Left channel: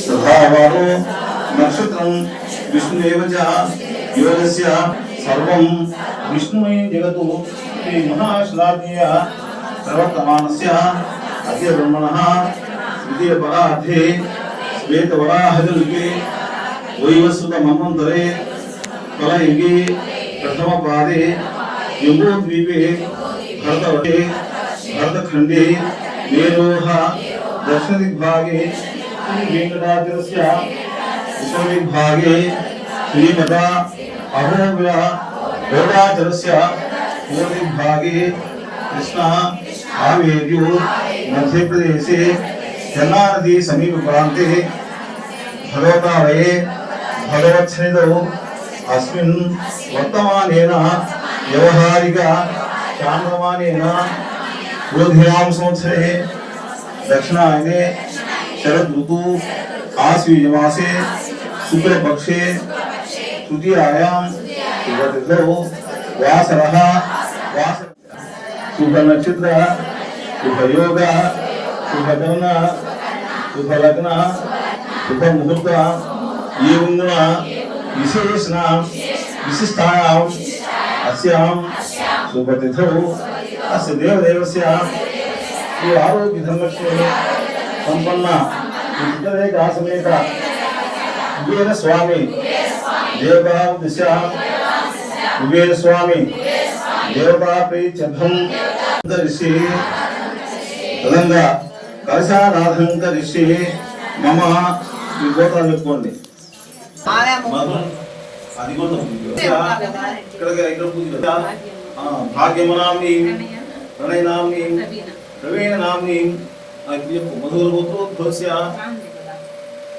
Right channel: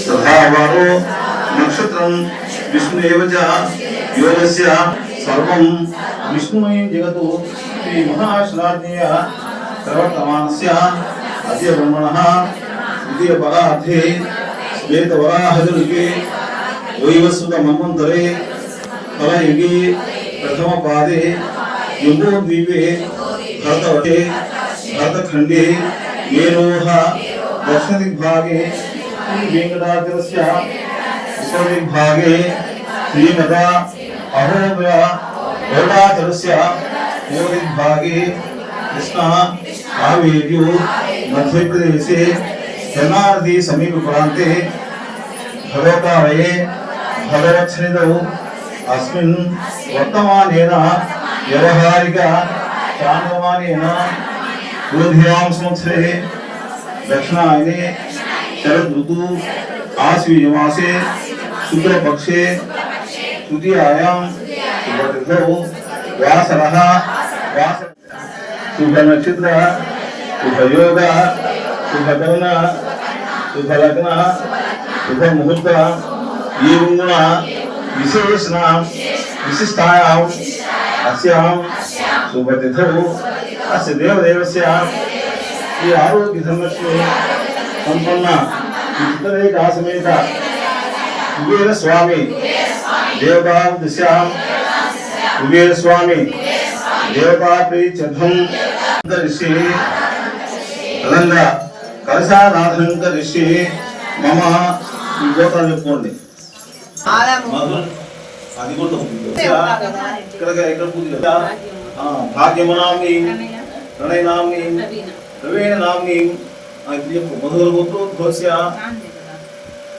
సదావారు నక్షత్రం విష్ణుదేవ యోగస్య సర్వం. విష్ణుమయ జగతు శ్రీ మహాశ్లాఘ్య సర్వతమానస్య అద్య బ్రహ్మణ ద్వితీయ పదార్థే శ్వేత వరాహయుగే వైవస్వత మన్వంతరే కలయుగే ప్రథమ పాదే యుగోద్వీపే భరతవటే భరతఖండే మేరోహ దక్షిణ దిగ్భాగే ఏకదాగ్రస్య ఉపవిభాగే శ్రీమద అహోవ్య ఓడాగ్రస్య ఉపవిభాగే కృష్ణ ఆవేద్యు మధ్యప్రదేశే జనానది సమీప ప్రాంతే భగవతాలయే భగవచ్చనిదౌ అస్మిన్ వర్తమానేన వ్యవహారిక చాంద్రమానేన యూధియాం సంవత్సరే దక్షిణాయనే शरद ऋतु आश्वी निवासे शुक्ल पक्षे तृतीयायाम वटग्रहो शुभ नक्षत्र शुभ योग शुभ शुभ लग्न शुभ मुहूर्त एवं विशेषण अस्य देवदेवस्य आरोग्य संरक्षण సంపన్న ఉత్తరేక కుబేర స్వామి. దేవభావ దిశాం కుబేర స్వామి. దేవభాపి చధం ఋషి అదనంగా మమ. ఈ గోత్రాలు చెప్పుకోండి. అది ప్రవీణ నామ్ని మధుర గోత్రోద్భవస్య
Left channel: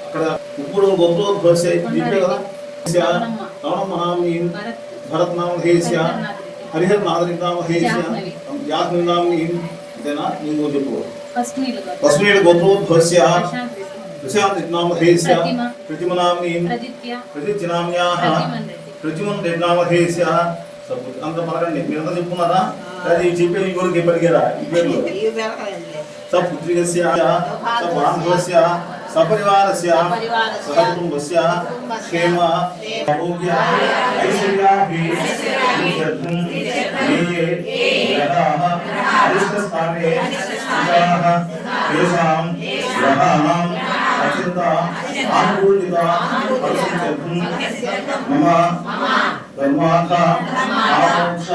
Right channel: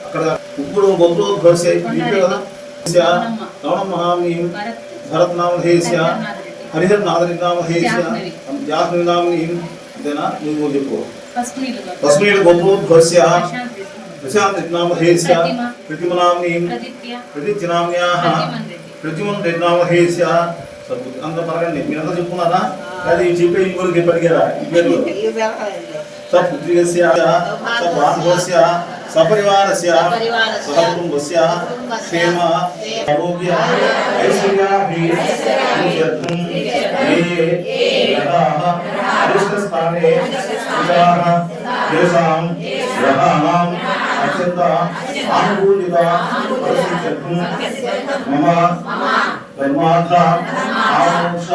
అక్కడ కుక్కుడు గోత్రోద్భవస్య దీపే కదా రవణ మహామ్ని భరత్ నామధేయస్య హరిహర్ నాదరి నామధేయస్య జాస్మి నామ్ని ఇదేనా నువ్వు చెప్పు తస్మీడ్ గోత్రోద్భవస్య ప్రశాంత్ నామధేయస్య ప్రతిమనామ్ని ప్రతిజ్ఞామ్యాహ ప్రతిమన్ నామధేయస్య అందరూ పలకండి మీరంతా చెప్పుకున్నారా అది చెప్పే ఈ ఊరికి చెప్పడిగారా ఈ పేర్లు సపుత్రికస్య సబాంధవస్య సపరివారస్య సకుటుంబస్య క్షేమ ఆరోగ్య ఐశ్వర్యాభివృద్ధిం ఏ గ్రహాः అరిష్టస్థానే స్థితాः తేషాం గ్రహాణాం धर्मार्थ आमोक्ष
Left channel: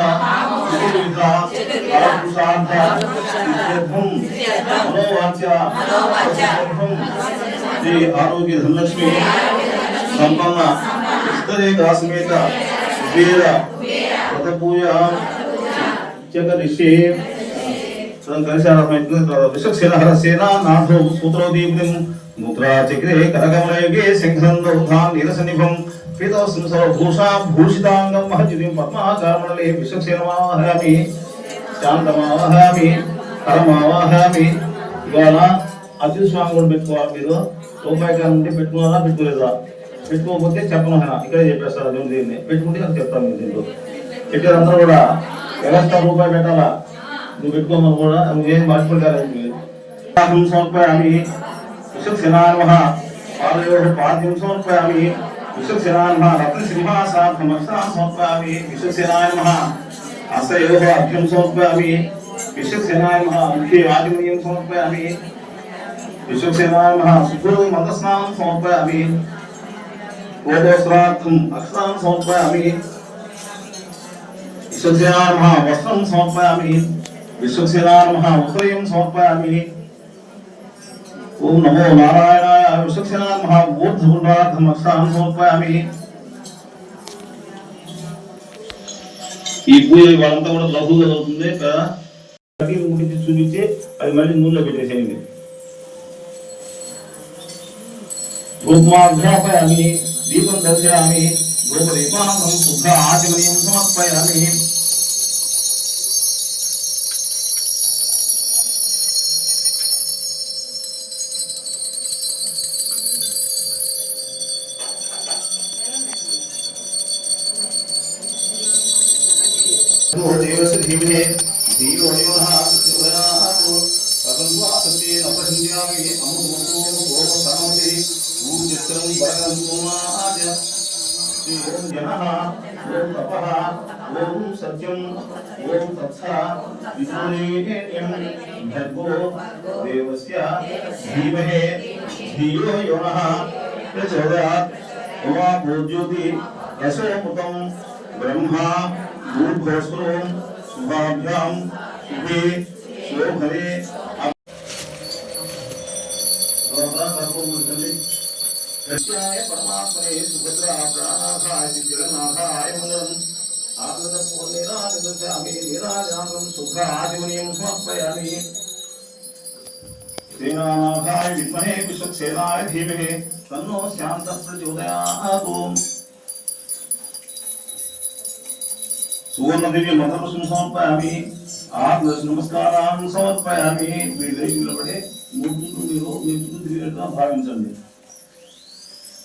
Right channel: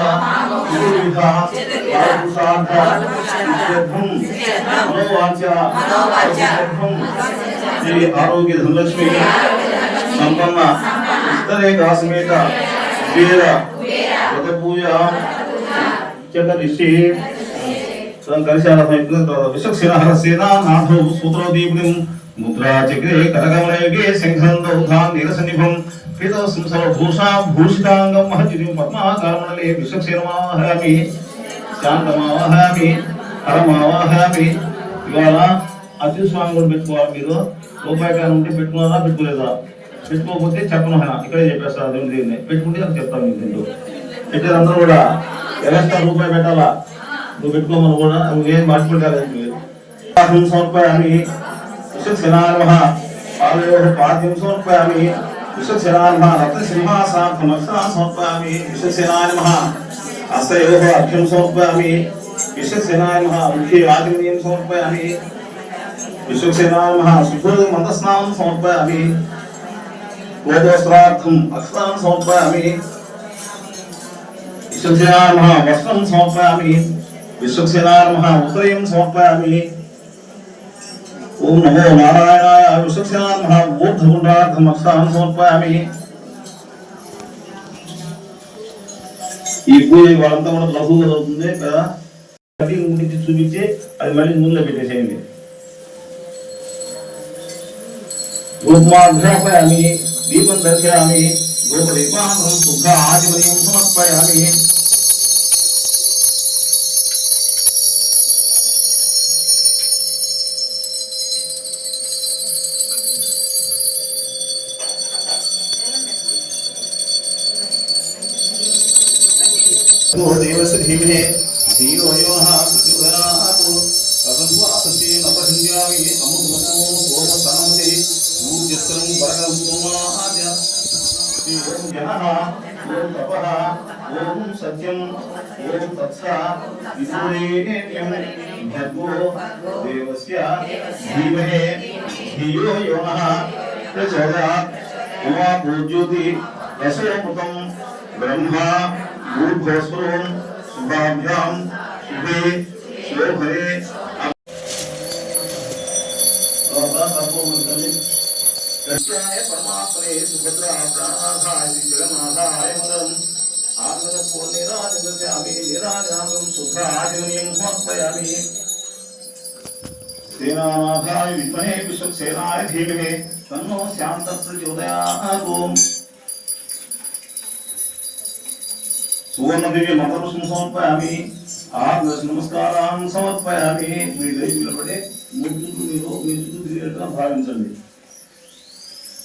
चतुर्विध आपुषार्थ इत्यर्थम मनोवाच्य अवसर्थम श्री आरोग्य धनलक्ष्मी संपन्न उस्तरेखा समेत वेद व्रत पूजा चकरिषि सेनानाथौ सूत्रोदीप्तिं मुद्रा चक्रे करकमलयुगे सिंहन्दौ धां निरसनिभम् శంఖందౌధాం నీరసనిభం పీతవస్త్రం సర్వభూషా భూషితాంగం మహజితిం పద్మాకారమణలే విశక్షిరమాహయామి శాంతమావహామి పరమావహామి ఇవాళ అతి స్వామి కూడా పెట్టుకోవాలి మీరు. రూపాయి కాలం ఉంటే పెట్టుకున్నారా పెట్టుకోలేదా? పెట్టుకోకపోతే చెప్పను ఆయన. ఇక్కడే చెప్పేస్తారు దేవుని దీన్ని. పెట్టుకుంటే నాకు చెప్తాను మీకు దీంట్లో. పెట్టారందరూ కూడా ఎవరిస్తా రూపాయి పెట్టాలా? నువ్వు పెట్టుకోమని కూడా నువ్వేం మార్చుకుంటారు సమర్పయామి విశ్వసేనాన్మః పాదయోః పాద్యం సమర్పయామి విశ్వసేనానిమ రత్న సింహాసా పునః సమర్పామి విశ్వసేనానిమ అసయోహ అభ్యం సమర్పామి విశ్వసేనానిమ ముఖ్య ఆదిమయం సమర్పామి విశ్వసేనానిమ సుభూ మందస్నానం సమర్పామి గోగోస్త్రార్థం అక్షరాలను సమర్పామి విశ్వసేనానిమ వస్త్రం సమర్పామి విశ్వసేనానిమ ఉదయం సమర్పామి ఓం నమో నారాయణాయ విశ్వసేనాన్మః ఊర్ధ్వగుండార్థం అక్షతానం సమర్పయామి. ఈ పూజ వాళ్ళంతా కూడా లఘుగా అవుతుంది. కదా కటింగ్ చూపించి అది మళ్ళీ నూనెలో పెట్టేసేయండి. రూపమాఘ్రాపయామి దీపం దర్శయామి రూపదీపానం శుద్ధ ఆచమనీయం సమర్పయామి. विमे धियो योः पृथिवराः पतन्त्वासतेन उपसञ्जामि अमुमतो सोमसनमति ऊर्जत्रं बलं सोमाज ॐ जनः ॐ तपः ॐ सत्यम् ॐ तत्सा विदुरेण्यं भर्गो देवस्य धीमहे धियो योनः। प्रचोदयात् उमा पूज्योति यशोमुखं ब्रह्मा भूर्भोस्वरूपम् भद्रम वे शोभरे कृष्णाय परमात्मने सुभद्राय प्राणार्थाय श्रीजगन्नाथाय मङ्गलम् आत्मतत्पूर्णेनादिदस्यामि निराजातं शुभ्रादिनीं समर्पयामि सेनानाथाय विद्महे विश्वक्सेनाय धीमहि तन्नो शान्तः प्रचोदयात् ओम् ధీమహి తన్నో శాంత ప్రచోదయాత్ ఓం సువర్ణదివ్య మంత్రపుష్పం సమర్పయామి ఆత్మ నమస్కారాన్ని సమర్పయామి మీరు లేచి నిలబడి మూడు చుట్టూ మీరు మీ చుట్టూ తిరిగేట్టుగా భావించండి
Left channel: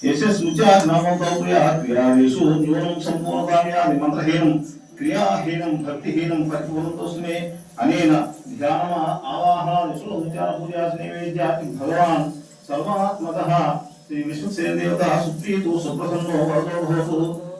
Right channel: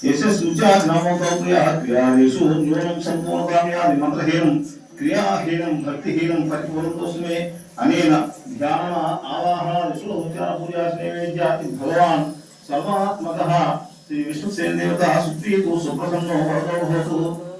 యశస్సుచానమోపక్రియాదేషు న్యూనం సంపూర్ణకామ్యాది మంత్రహీనం క్రియాహీనం భక్తిహీనం పరిపూర్ణం కోసమే అనేన ధ్యాన ఆవాహనాదిషు ఉపచార పూజా నైవేద్యాది భగవాన్ సర్వాత్మకః శ్రీ విశ్వసేన దేవత సుప్రీతో సుప్రసన్నో వరదో భవతు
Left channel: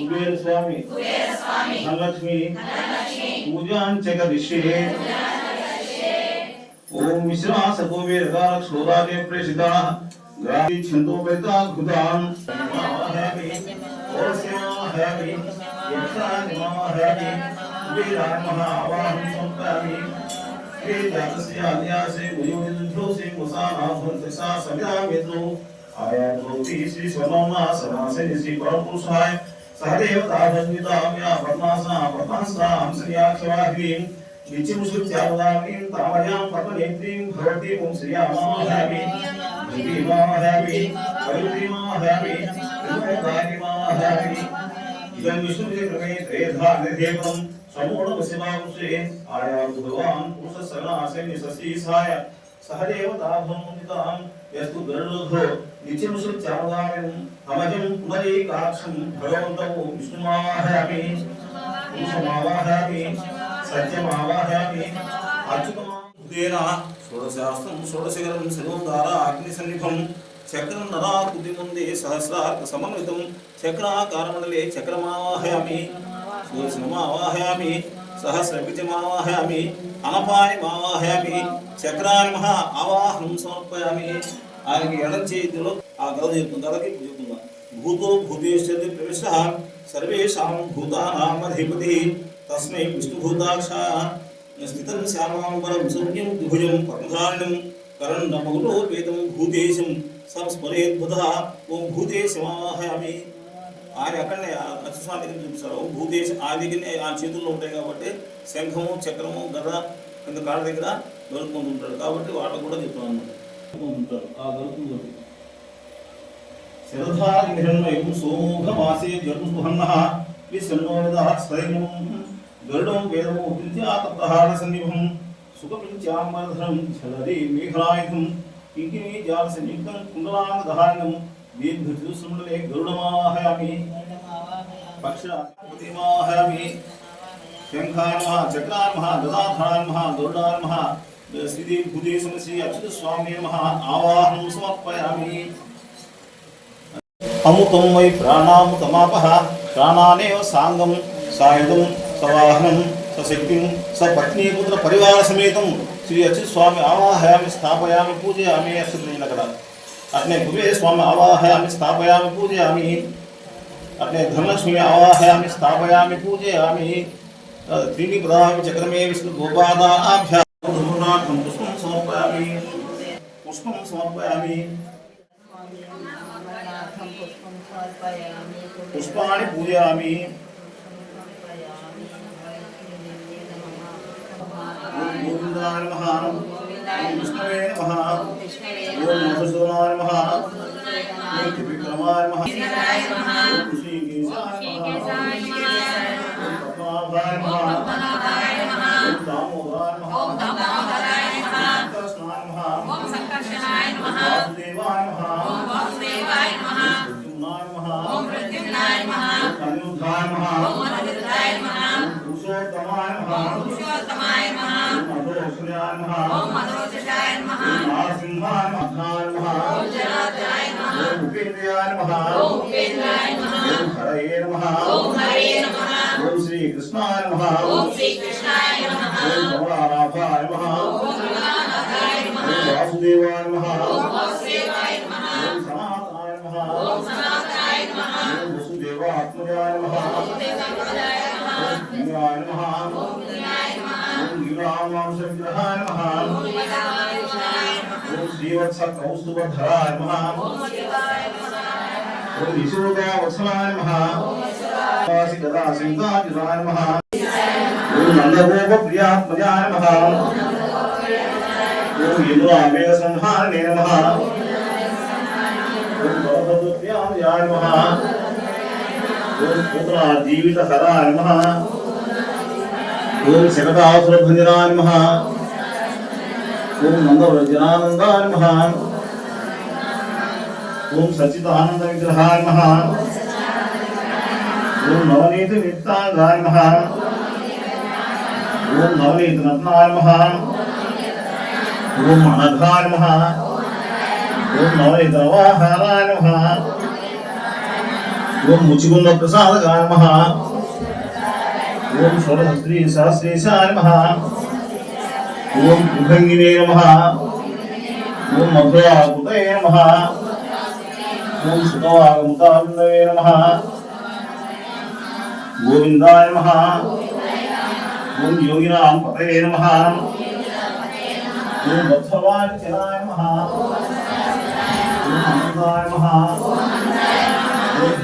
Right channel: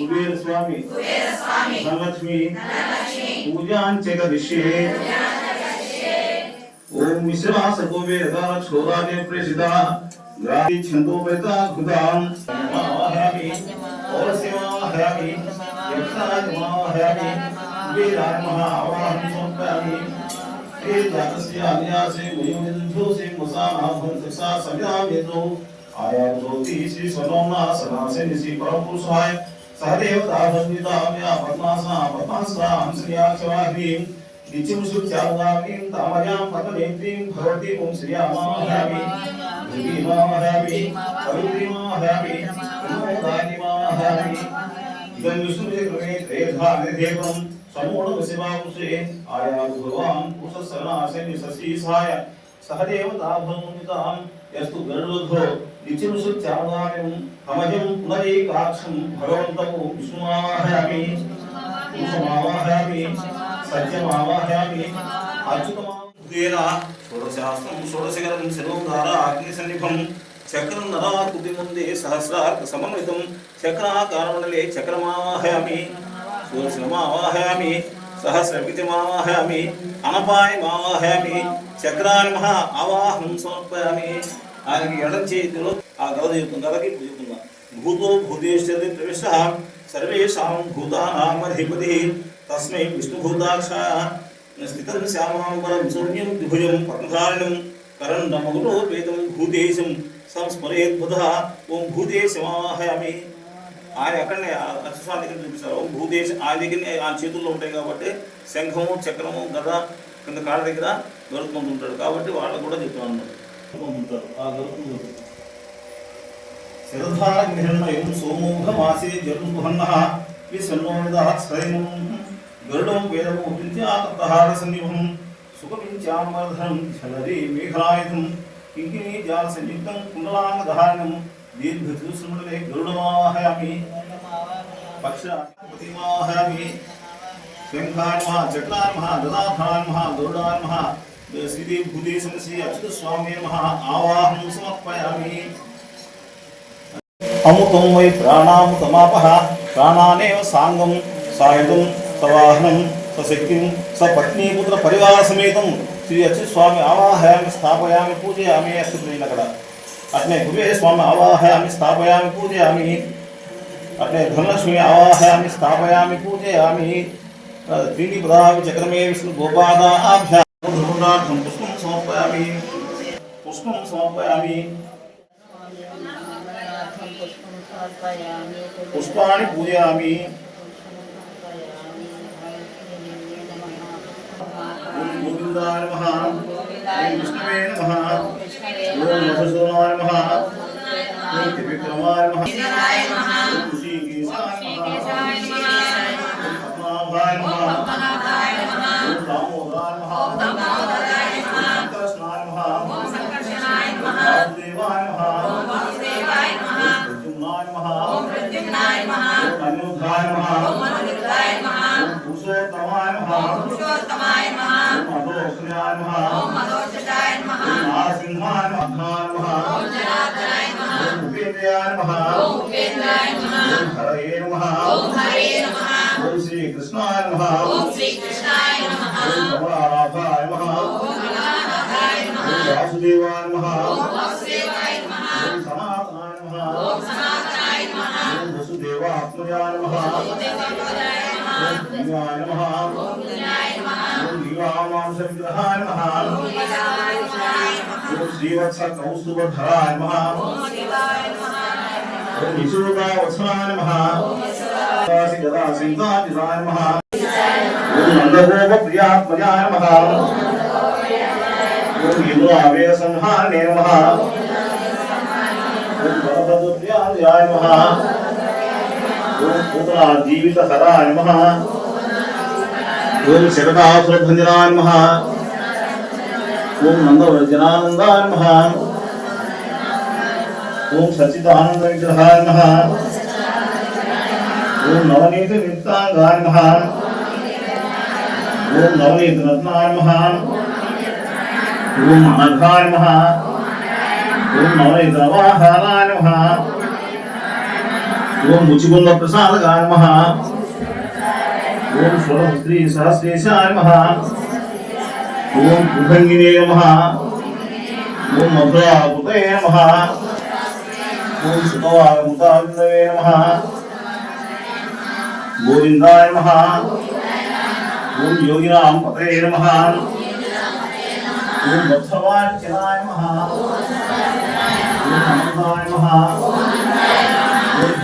కుబేర స్వామి ధనలక్ష్మి పూజాంచక దిశే ఓం విశ్వాస కుబేరకాల క్షోరాదే ప్రేషితా గాది ఛందోపేతా కృతాం మాహయామి ఓరసిమాహయామి యక్షానిమాహయామి కుబేరాత్మః ఆవాహం సంపామి हे जातस्य अन्यासे गुरुविन्दोसे मुसानाभं तक्षा समिधामेतो आया ज्योति श्री स्वरोमा समासे श्री परम पुरुषाय सहदेव दावन्विताम्या पद्मासा पद्मासा हंसन्याक्षवाह्रीं नित्यं श्रुत्यागामीं तामयां पद्मनेत्रीं भवती ओं श्रियामाहयामि भूमिमाहयामि करुणीमाहयामि उन्नतानिमाहयामि इदं विष्णुचक्रमे त्रेधा निर्धेपं समूढ शिवांशे आया भगवान् पुरुषसरणासनि सशीसाय सहदेव दाभमुदितां यस्तु गरुडध्वो। ఇతిముషుత్యావాయం అమహిం పునరేకాక్షం భగవంతవు విష్ణుమావాహయామి పురుషమావాహయామి సత్యమావాహయామి అచ్యుతమాన షోడశాస్త్రం షోడశిఖరం శిరోధార అగ్ని సన్నిభం చక్రం నరాకృతి ముందే సహస్రార్థ సమన్వితం చక్రాకారమండలే చక్రమావాహయామి సూర్యమావాహయామి సహస్రవిజమావాహయామి అనపాయమావాహయామి చక్రాన్మహ ఆవాహం సమర్పయామి ఆయనకి ఎడం చేతిలో ఆ గద చెప్తుంది గదకి చెప్తుందా భూతో భూతేశ్వరి ప్రవేశ సర్వేషాం భూతానామధిపతి తస్మై విష్ణుభూతాక్ష స్థితం శ్యామాంబరం సౌమ్యం ద్విభుజం పద్మధారణం కరండమగులో వేదం భూతేశం సంస్మరేద్బుధ ఓం భూతేశమాహయామి ఆయన ఎక్కడనే అక్షస్వామి దగ్గర చూపిస్తారు ఓం భూతేశం ఆయన దగ్గరనే ఆయన చేతుల్లో ఉంటాయి కాబట్టి శంఖము చక్రము గద కింద కాళ్ళ దగ్గర గరుత్మంతుంటాడు కాబట్టి వాళ్ళకు కూడా చెప్తున్నాను అన్నమాట ఆ గరుత్మంతుడు శరధారహిరణయం సోమోఘమాసే జర్ముహన్నః విసన్నోదః స్వయం గరుడం వేదము విద్యాతప్తహార సన్నిభం సుఖమించామర్ధనం చలరి మేఘాయుధం కింకిణీ జాల సంయుక్తం కుండలాంగధారణం దీర్ఘచూసుమండలే గరుడమాహయామి పక్షాపతిమాహయామి శంఖాన్మః చక్రాన్మః గదాధాన్మః గరుడాన్మః శ్రీదేవి భూదే సమసి అచ్యుత స్వామి నమః ఆవాహనం సమర్పయామి అమృతం వై ప్రాణామృతమాపః ప్రాణానేవ సాంగం సాయుధం సవాహనం సశక్తిం సపత్నీపుత్ర పరివార సమేతం శ్రీ వచ్చి స్వామి ఆవాహయామి స్థాపయామి పూజయామి అక్షింది అక్కడ అట్లే గురువే స్వామి ఆవాహయామి స్థాపయామి పూజయామి అట్లే ధనలక్ష్మి ఆవాహయామి స్థాపయామి పూజయామి దీని ప్రధామి చక్రమే విష్ణు గోపాదాభ్యాం పుష్పం సమర్పయామి పుష్పం సమర్పయామి पुष्पाणि पूजयामि ఓం ఉపేంద్రాయ నమః ఓం హరయే నమః ఓం శ్రీకృష్ణాయ నమః ఓం కమలానాథాయ నమః ఓం వాసుదేవాయ నమః ఓం సనాతనాయ నమః देवात्मजाय नमः ओम पुण्याय नमः ओम युवामांसविग्रहाय नमः ओम श्रीवत्सकौस्तुभधराय नमः ओम यशोदावत्सलाय नमः गदासिंहाजिराय नमः ओम नन्दगोपप्रियात्मजाय नमः ओम यमुनावेसंहारे नमः ओम भरतदुत्याय नमः పూతన జీవిత సదా నమ ఓం శరదా సురభంజనా నమ ఓం నంద జనానందా నమ ఓం సచిదానంద విగ్రహా నమ ఓం నవనీత నిత్తాంగా నమ ఓం నవనీత రత్నాయ ఓం అనఘాయ ఓం నవనీత వాహారాయ ఓం ముచిగుంద ప్రసాదగాయ నమః ఓం స్వరస్త్రీ సహస్రేశాయ నమః ఓం కుభంగినే నమ ఓం మధురాకృతయ నమ ఓం సుతవాగముతావిందవే నమ గోవిందాయ నమ ఓం యోగినాం పతయే నమ ఓం వత్సవాంచనాయ నమ ఓం అనంతాయ నమ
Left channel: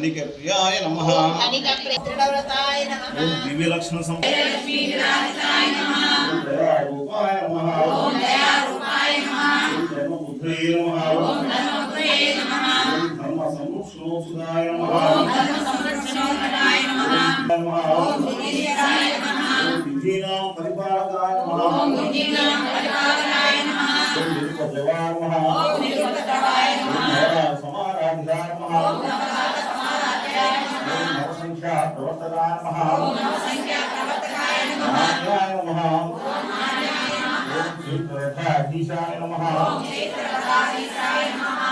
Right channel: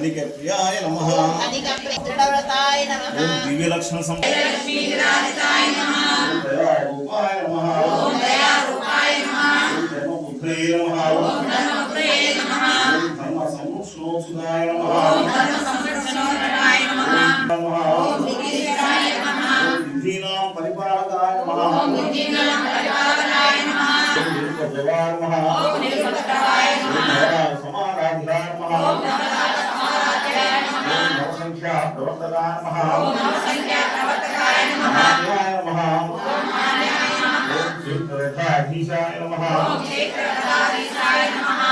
हरिकर्प्रियाय नमः ओम दिव्य लक्षण सम रूपाय नमः ओम दया रूपाय नमः। ओम धर्म बुद्धये नमः ओम धर्म बुद्धये नमः ओम धर्म संरक्षणोत्सुदाय नमः ओम धर्म संरक्षणोत्सुदाय नमः ओम बुद्धिदाय नमः ओम बुद्धिनां परिपालकाय नमः ओम बुद्धिनां परिपालकाय नमः ओम निर्गतवाय नमः ओम निर्गतवाय नमः समाराधिराय नमः ओम నర సమారాధ్యాయ నమః. ఓం నరసంఖ్యా ప్రవర్తకాయ నమః. ఓం మహాజ్ఞాయ నమః. ఓం క్షేత్రరథాధీశాయ నమః.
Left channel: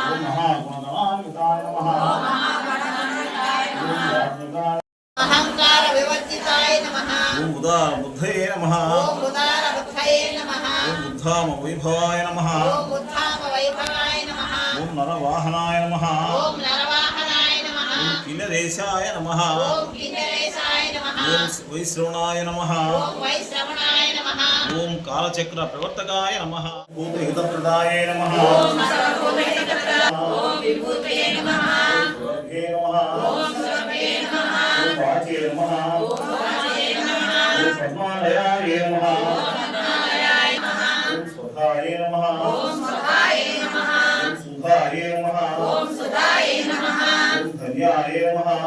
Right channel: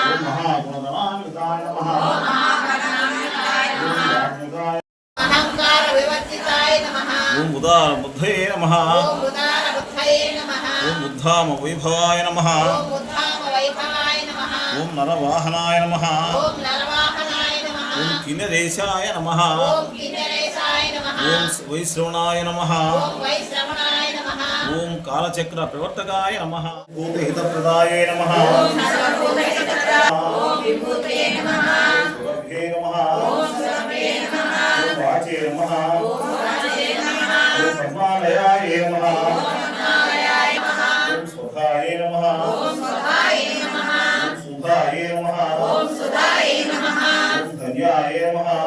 ఓం మహాగుణగణాన్వితాయ నమః. ఓం యాజ్ఞికాయ అహంకార వివర్జితాయ నమః. ఓం ఉదార బుద్ధయే నమః. ఓం ఉదార బుద్ధయే నమః. ఓం బుద్ధామ వైభవాయ నమః. ఓం ఉద్ధామ వైభవాయ నమః ఓం నరవాహనాయ నమః ఓం భిన్నదేశాయ నమ ఓం వైశ్రవణాయ నమ ఓం కాలచక్ర ప్రవర్తకాయ నమ భూతహితప్రదాయ నమ స్వధాయ నమ ధన్యాయ నమః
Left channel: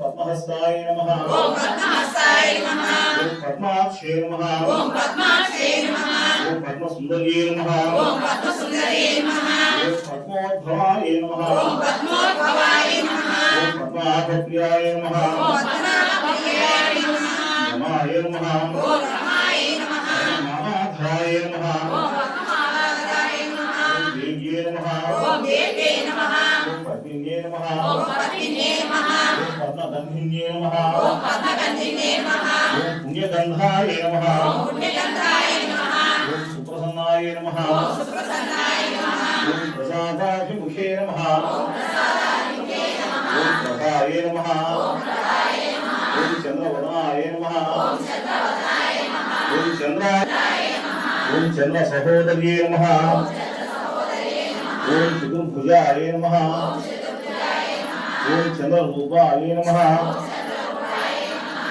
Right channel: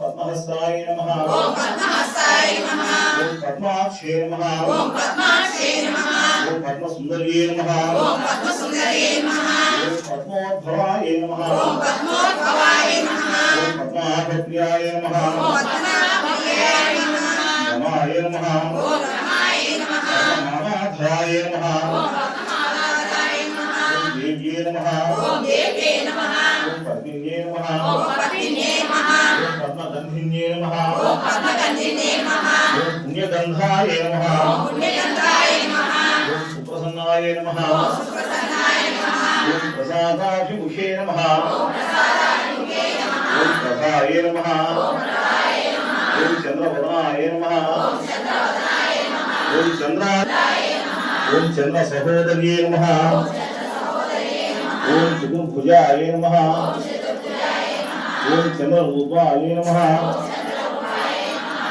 పద్మహస్తాయ నమః ఓం పద్మహస్తాయ నమః ఓం పద్మాక్షే నమః ఓం పద్మాక్షే నమః ఓం పద్మసుందర్యే నమః ఓం పద్మసుందర్యే నమః ఓం పద్మోద్భవాయ నమః ఓం పద్మోద్భవాయ నమాయ నమః ఓం నమాయ దేవ్యే నమః ఓం దేవ్యే నమః ఓం पुण्यगन्धिन्ये नमः ॐ पद्मगन्धिन्ये नमः ॐ पुण्यगन्धाय नमः ॐ पुण्यगन्धाय नमः ॐ सुप्रसन्नाय नमः ॐ सुप्रसन्नाय नमः ॐ प्रसादाभिमुखे नमः ॐ प्रसादाभिमुखे नमः ॐ प्रसाय नमः ॐ प्रसाय नमः ॐ चन्द्रवदनाय नमः ॐ चन्द्रवदनाय नमः ॐ चन्द्राय नमः ॐ चन्द्रसहोदर्ये नमः ॐ चन्द्रसहोदर्ये नमः ॐ चतुर्भुजाय नमः ॐ ఓం చంద్ర రూపాయ నమ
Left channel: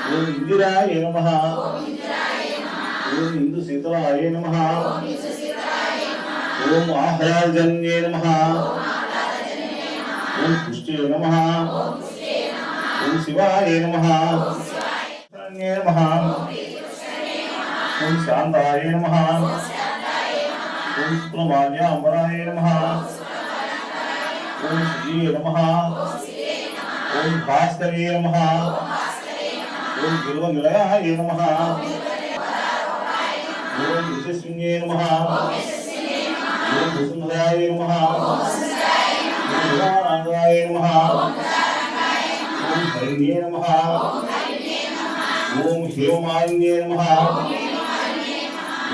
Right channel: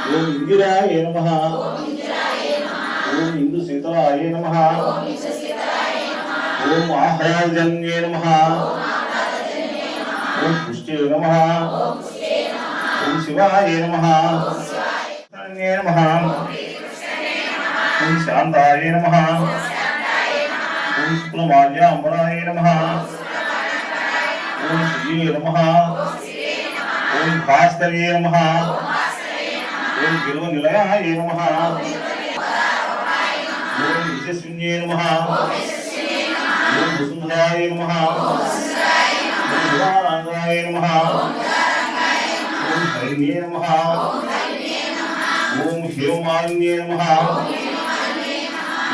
ఓం ఇందిరాయ నమ ఓం ఇందు శీతలాయ నమ ఓం ఆహ్లాదజన్యే నమ ఓం పుష్టే నమ ఓం శివాయ నమ నమ ఓం శాంతాయ నమ ఓం సుప్రమాజ్యాంబరాయ నమ ఓం శ్రీ నమ ఓం భాస్కరే నమ. ఓం గెలువ నిలయాయ నమ. ఓం యశస్విన్యే నమ. ఓం వసుంధరాయ నమ. ఓం ఉదారాంగరాయ నమ. ఓం హరిణ్యే నమ. ఓం హ్యోమాన్యే నమ.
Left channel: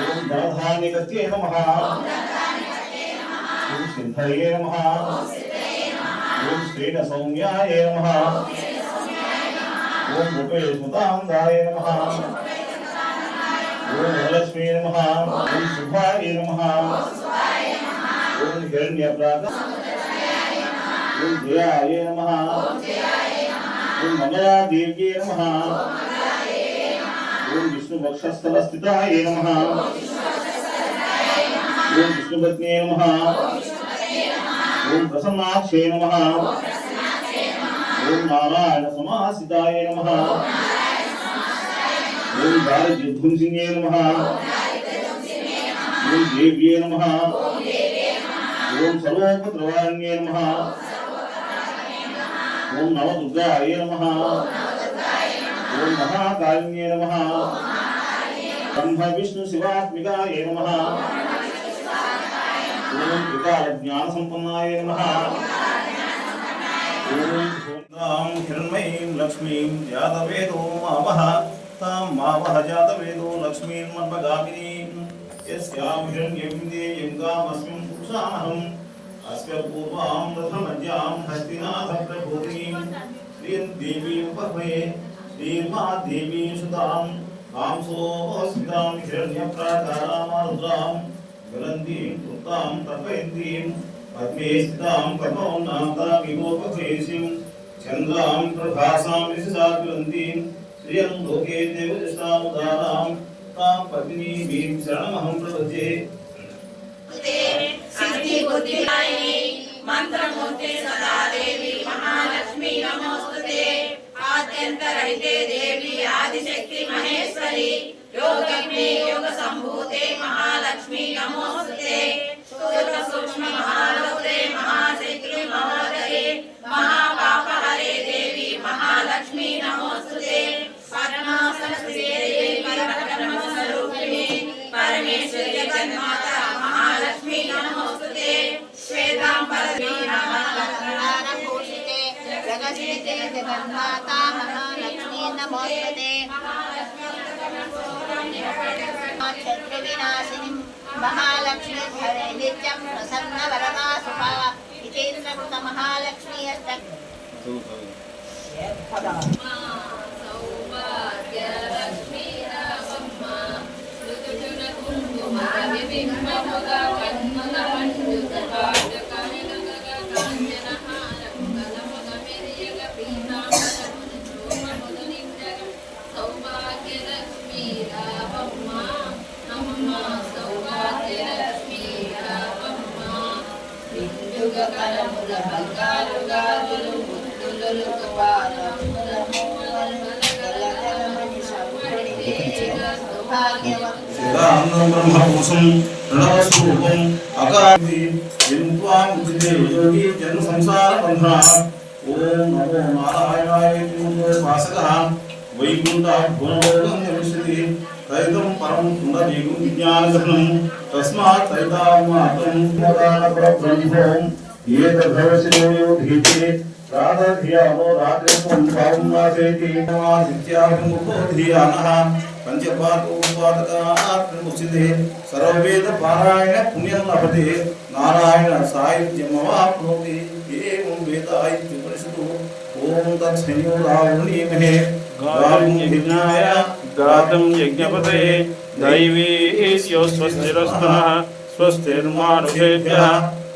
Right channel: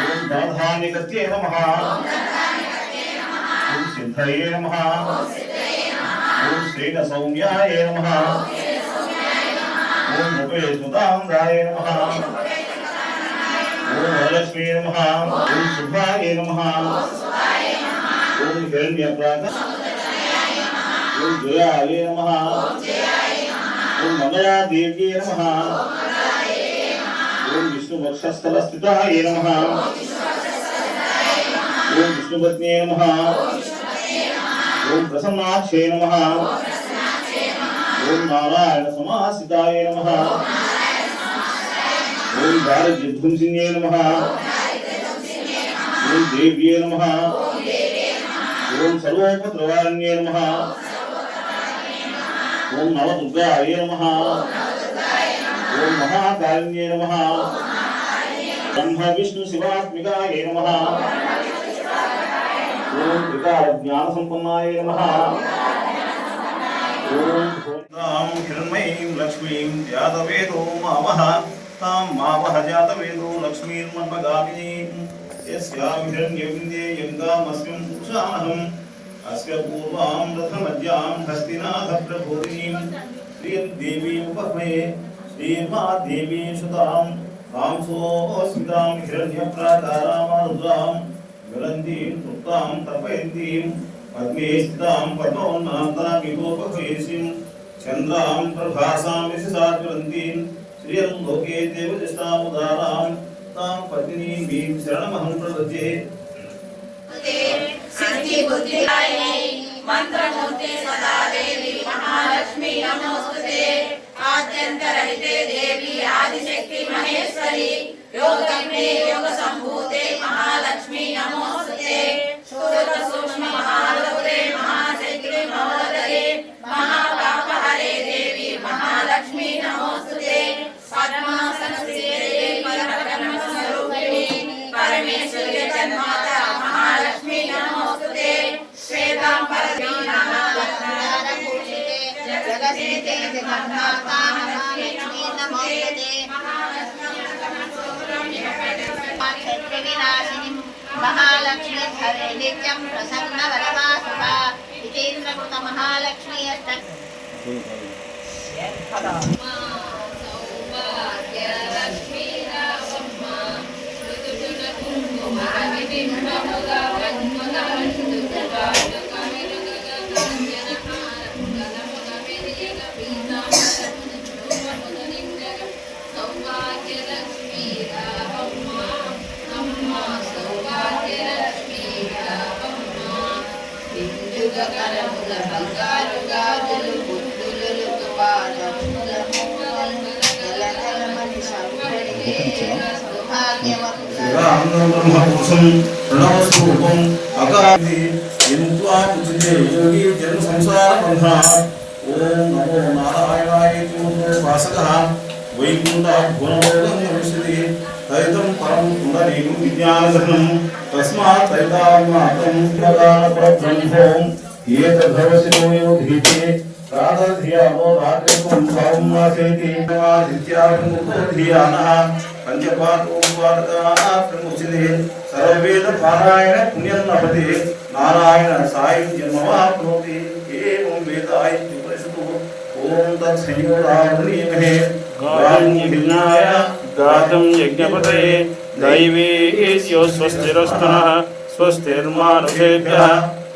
ఓం దాధానికత్యే నమ. ఓం సిద్ధయే నమ. ఓం శ్రీన సంజ్ఞాయ నమ. ఓం ఉపేశుతాంగాయ నమ. ఓం వరలక్ష్మీ నమ. ఓం శుభాయ నమ. ఓం హిరణ్య ప్రాత ఓం జయాయ నమ. ఓం మంగళాదేవ్యే నమ. ఓం విష్ణువక్షస్థలస్థితాయ నమ. ఓం విష్ణుపత్నే నమ. ఓం ప్రసన్నాక్షే నమ. ఓం నారాయణ సమాసితాయ నమ. ఓం గారి విధ్వంసిన్యే నమ. ఓం దేవ్యే నమ. ఓం సర్వోపద్రవారణ్యే నమ. ఓం నవదుర్గాయ నమ. ఓం మహాకాళిన్యే నమ. బ్రహ్మ విష్ణు శివాత్మికాయ నమ. शिवात्मिकाय नमः ॐ विकारज्ञानसम्पन्नाय नमः तां हिरण्मयीं लक्ष्मीं जातवेदो मावः तां मावः जातवेदो लक्ष्मीर्मन्मगामिनीं यस्यां हिरण्यविन्दे यङ्गामस्मिं पुरुषामहम् अस्य पूर्वां रथमज्जां हस्तिनाथप्रभूतिं श्रियं देवीं उपह्मये श्रीर्मादेवीं सुतां कांसोऽस्मितां हिरण्यप्राकारामारुद्रां ज्वलन्तीं तृप्तां तर्पयन्तीं पद्मे स्थितां पद्मोन्नान्तामिवोपहेसिं चन्द्रां प्रभासां विशसा ज्वलन्तीं श्रियं लोके देवदृष्टामुदारां तां पत्नीं शरणमहं प्रपद्ये సిద్ధి బుద్ధిదాయిని మంత్రమూర్తి సదా దేవి మహాలక్ష్మి నమోస్తుతే ఆద్యంతరహితే దేవి ఆదిశక్తి మహేశ్వరి योगग्ने योगसम्भूते महालक्ष्मी नमोऽस्तुते सूक्ष्म महालोके महाशक्ति देवी महालक्ष्मी नमोऽस्तुते पद्मासनश्रीदेवी परब्रह्मस्वरूपिणी। महालक्ष्मी नमोऽस्तुते श्वेताम्बरवीणा जगदीते जगन्माता మహాలక్ష్మి నిత్యం ప్రసన్న వరమాసుభ ఇతీర్ణకృత మహాలక్ష్మి అష్ట వాసక వైకుంఠ భువనలోకం నివసతి తైతం పరం పుండరీకం విజ్ఞానధనం తస్మాత్ తైతామాతం ప్రదాన పరబ్రహ్మోం ये तद्भवसिनो यो धीते प्रातधियामो रात्रित्वं साम्नासेति नित्याभिमुखो धियानः पञ्चपाठोपवादकामुचिते सर्ववेदपारायण पुण्यं लभते नारायण सायुज्यमवाप्नोति एवं वेदायुज्युपरिषदु ॐ तत्संयोगारुणीमहे गारुण्यभिज्ञाय गातं यज्ञपतये दैवे स्वस्तिरस्तुनः स्वस्तिर्मानुषेभ्यः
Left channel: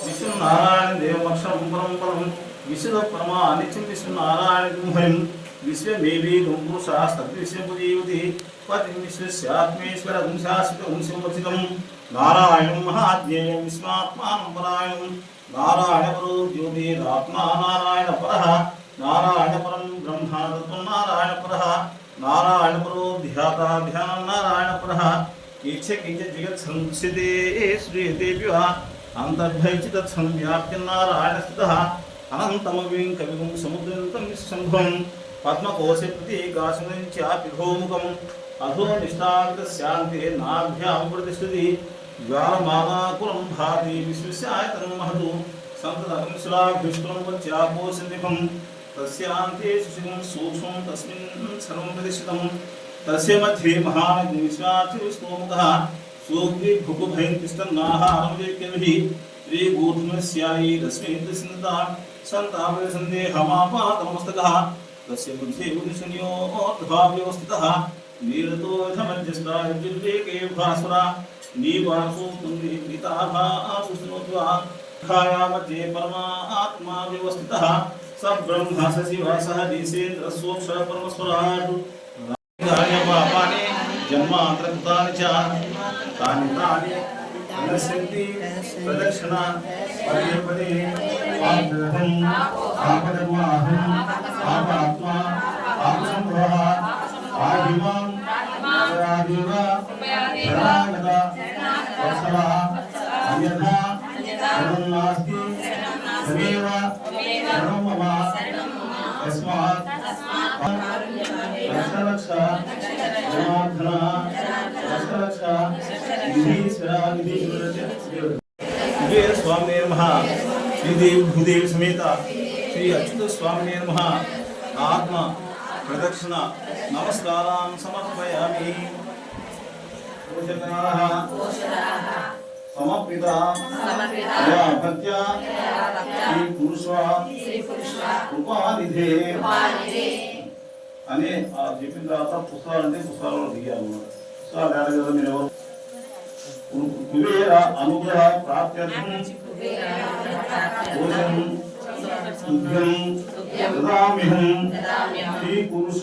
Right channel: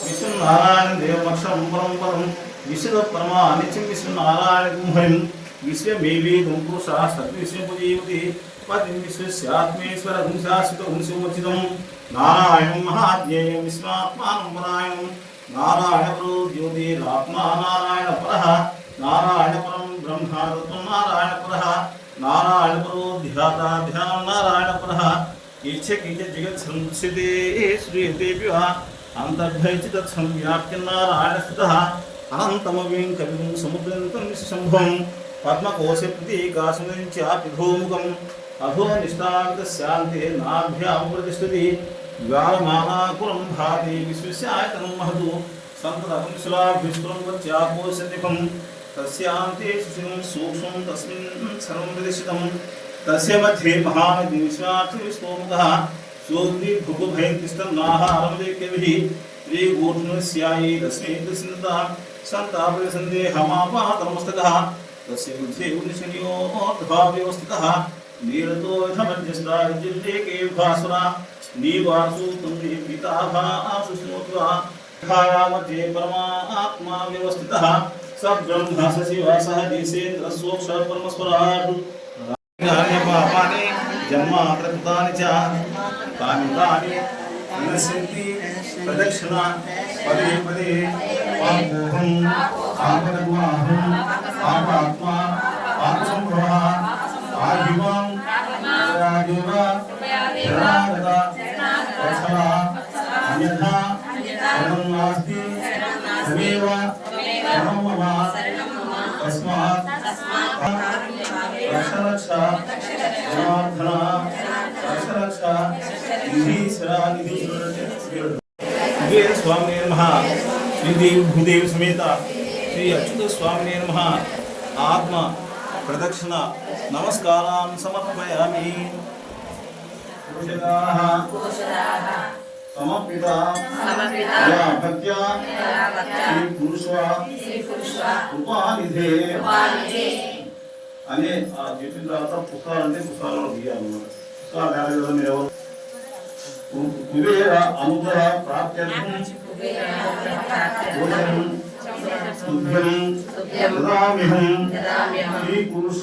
విష్ణు నారాయణ దేవమక్షరం పరం విశ్వ పరమా నిత్యం విష్ణు నారాయణ గుంహం విశ్వమేవీ గుంపురుష సద్విశ్వపుజీవతి పతి విశ్వస్యాత్మేశ్వర గుంశాశ్విత గుంశోచితం నారాయణం మహాజ్ఞేయం విశ్వాత్మానం పరాయణం నారాయణపరో జ్యోతిరాత్మా ధ్యాత ధ్యానం నారాయణ कीर्थे कीर्थे जगत्संसिदे श्रूयते विवा अन्तर्भयचितत्संव्याप्यन्नारायणस्थितः अनन्तमवीं कविगुं समुद्रन्तं निःशम्भं। पद्मकोशे प्रतीकासनं चापिधोमुखम् अधोनिष्ठाकृतस्यान्ते नाभ्यां प्रतिष्ठति ज्वालमानाकुलं भाति विश्वस्यायतं महतु। सन्ततकुंसुलाभ्युष्टं वच्यापोसन्निभं तस्यान्ते सुशिरं सूक्ष्मं तस्मिन् सर्वं प्रतिष्ठितम्। तस्य मध्ये महाविश्वाचिविश्वमुखः सूग्रीभुगुभयतिस्तन्नाहारमदेकभिः श्रीगोधुमस्यायैरस्मैतस्निता सन्तापसन्देहमापातमस्तकः तस्य मध्ये उनिशनियोर्धभाव्यवस्थितः नीरतोऽथमध्यस्तार्जुल्लेके भास्वरा मध्ये परमा आत्मा व्यवस्थितः स ब्रह्म स शिवः सह निसेन्द्रः పాపాని జన్మాంతరకృతాని చ తాని తాని వినశ్యంతి ప్రదక్షిణ పదే పదే పాపోహం ఆపదమాహం పాపాత్మా పాపసంభవ ఆదివం ఆదివ శరణాగత వత్సల అన్యథా శరణం నాస్తి తమేవ జనార్దన రక్ష రక్ష నిధీశ్వర నిధీశ్వర ఇవే స్వామి నమ శ్రీదేవి భూదేవి సమేత శ్రీ అచ్యుత స్వామి నమ ఆత్మ ప్రదక్షిణ నమస్కారం సమర్పయామి సమర్పిత భక్త్యా శ్రీ పురుష కృపానిధే అని ఆ చెప్పిన తర్వాత పుస్తకాలు అంటే పుస్తకాలలో తీయాలన్నమాట పుస్తకాలు తయారు కదా మీరు ఎవరు కు- కుబేర అనుగ్రహ ప్రాప్త్యర్థం భోజనం తుభ్యం దదామ్యహం శ్రీ పురుష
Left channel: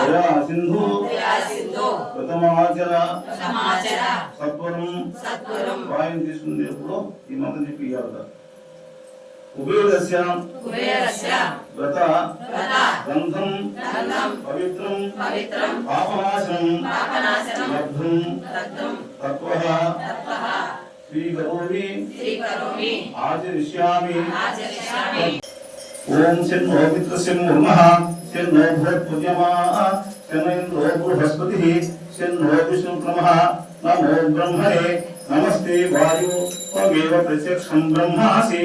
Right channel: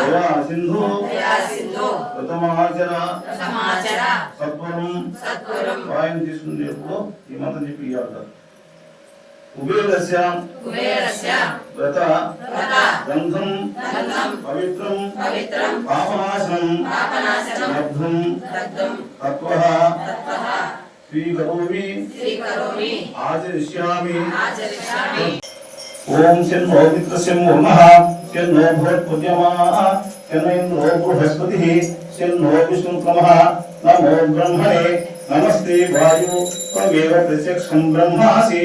దయా సింధు ప్రథమాచర సత్వరం వాయుని తీసుకునేప్పుడు ఈ మాత్రం చెప్పి ఇవ్వాలి కుబేరస్య కుబేరస్య వ్రత వ్రత గంధం గంధం పవిత్రం పవిత్రం పాపనాశనం పాపనాశనం లబ్ధుం దగ్ధం తత్వః తత్వః స్వీకరోమి స్వీకరోమి ఆచరిష్యామి ఆచరిష్యామి ఓం శన్నో మిత్రస్యం ముర్మః శన్నో భవత్పుజమాః శన్నైంద్రో బృహస్పతిః శన్నో విష్ణుక్రమః నమో బ్రహ్మణే నమస్తే వాయు త్వమేవ ప్రత్యక్షం బ్రహ్మాసి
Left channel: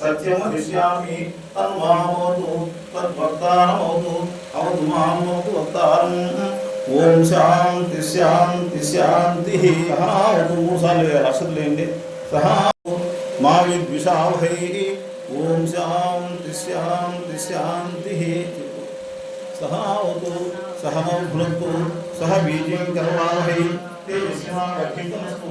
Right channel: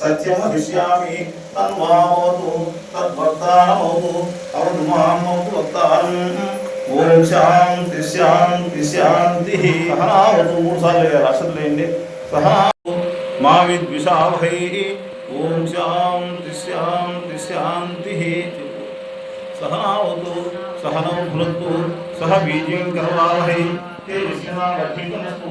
సత్యమదిశ్యామి తన్వామోదు తద్వక్తారమోదు అవదు మామోదు వక్తారం. ఓం శాంతి శాంతి శాంతి. సహనావతు మూడుసార్లు వేయాలి అసలు లేండి సహనా మా విద్విషావహై. ఓం శాంతి శాంతి శాంతి. సహనావతు సహనం భృత్తు సహ బీజం కరవావహై. తేజస్వినా రక్షితమస్తు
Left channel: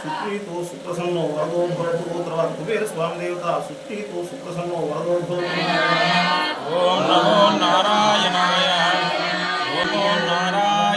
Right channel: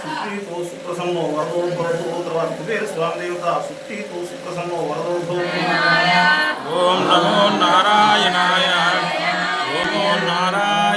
సుప్రీతో సుప్రసన్నో వరదో భవతు తర్వాత కుబేర స్వామి దేవత సుప్రీతో సుప్రసన్నో వరదో భవతు ఓం నమో నారాయణాయ ఓం నారాయణ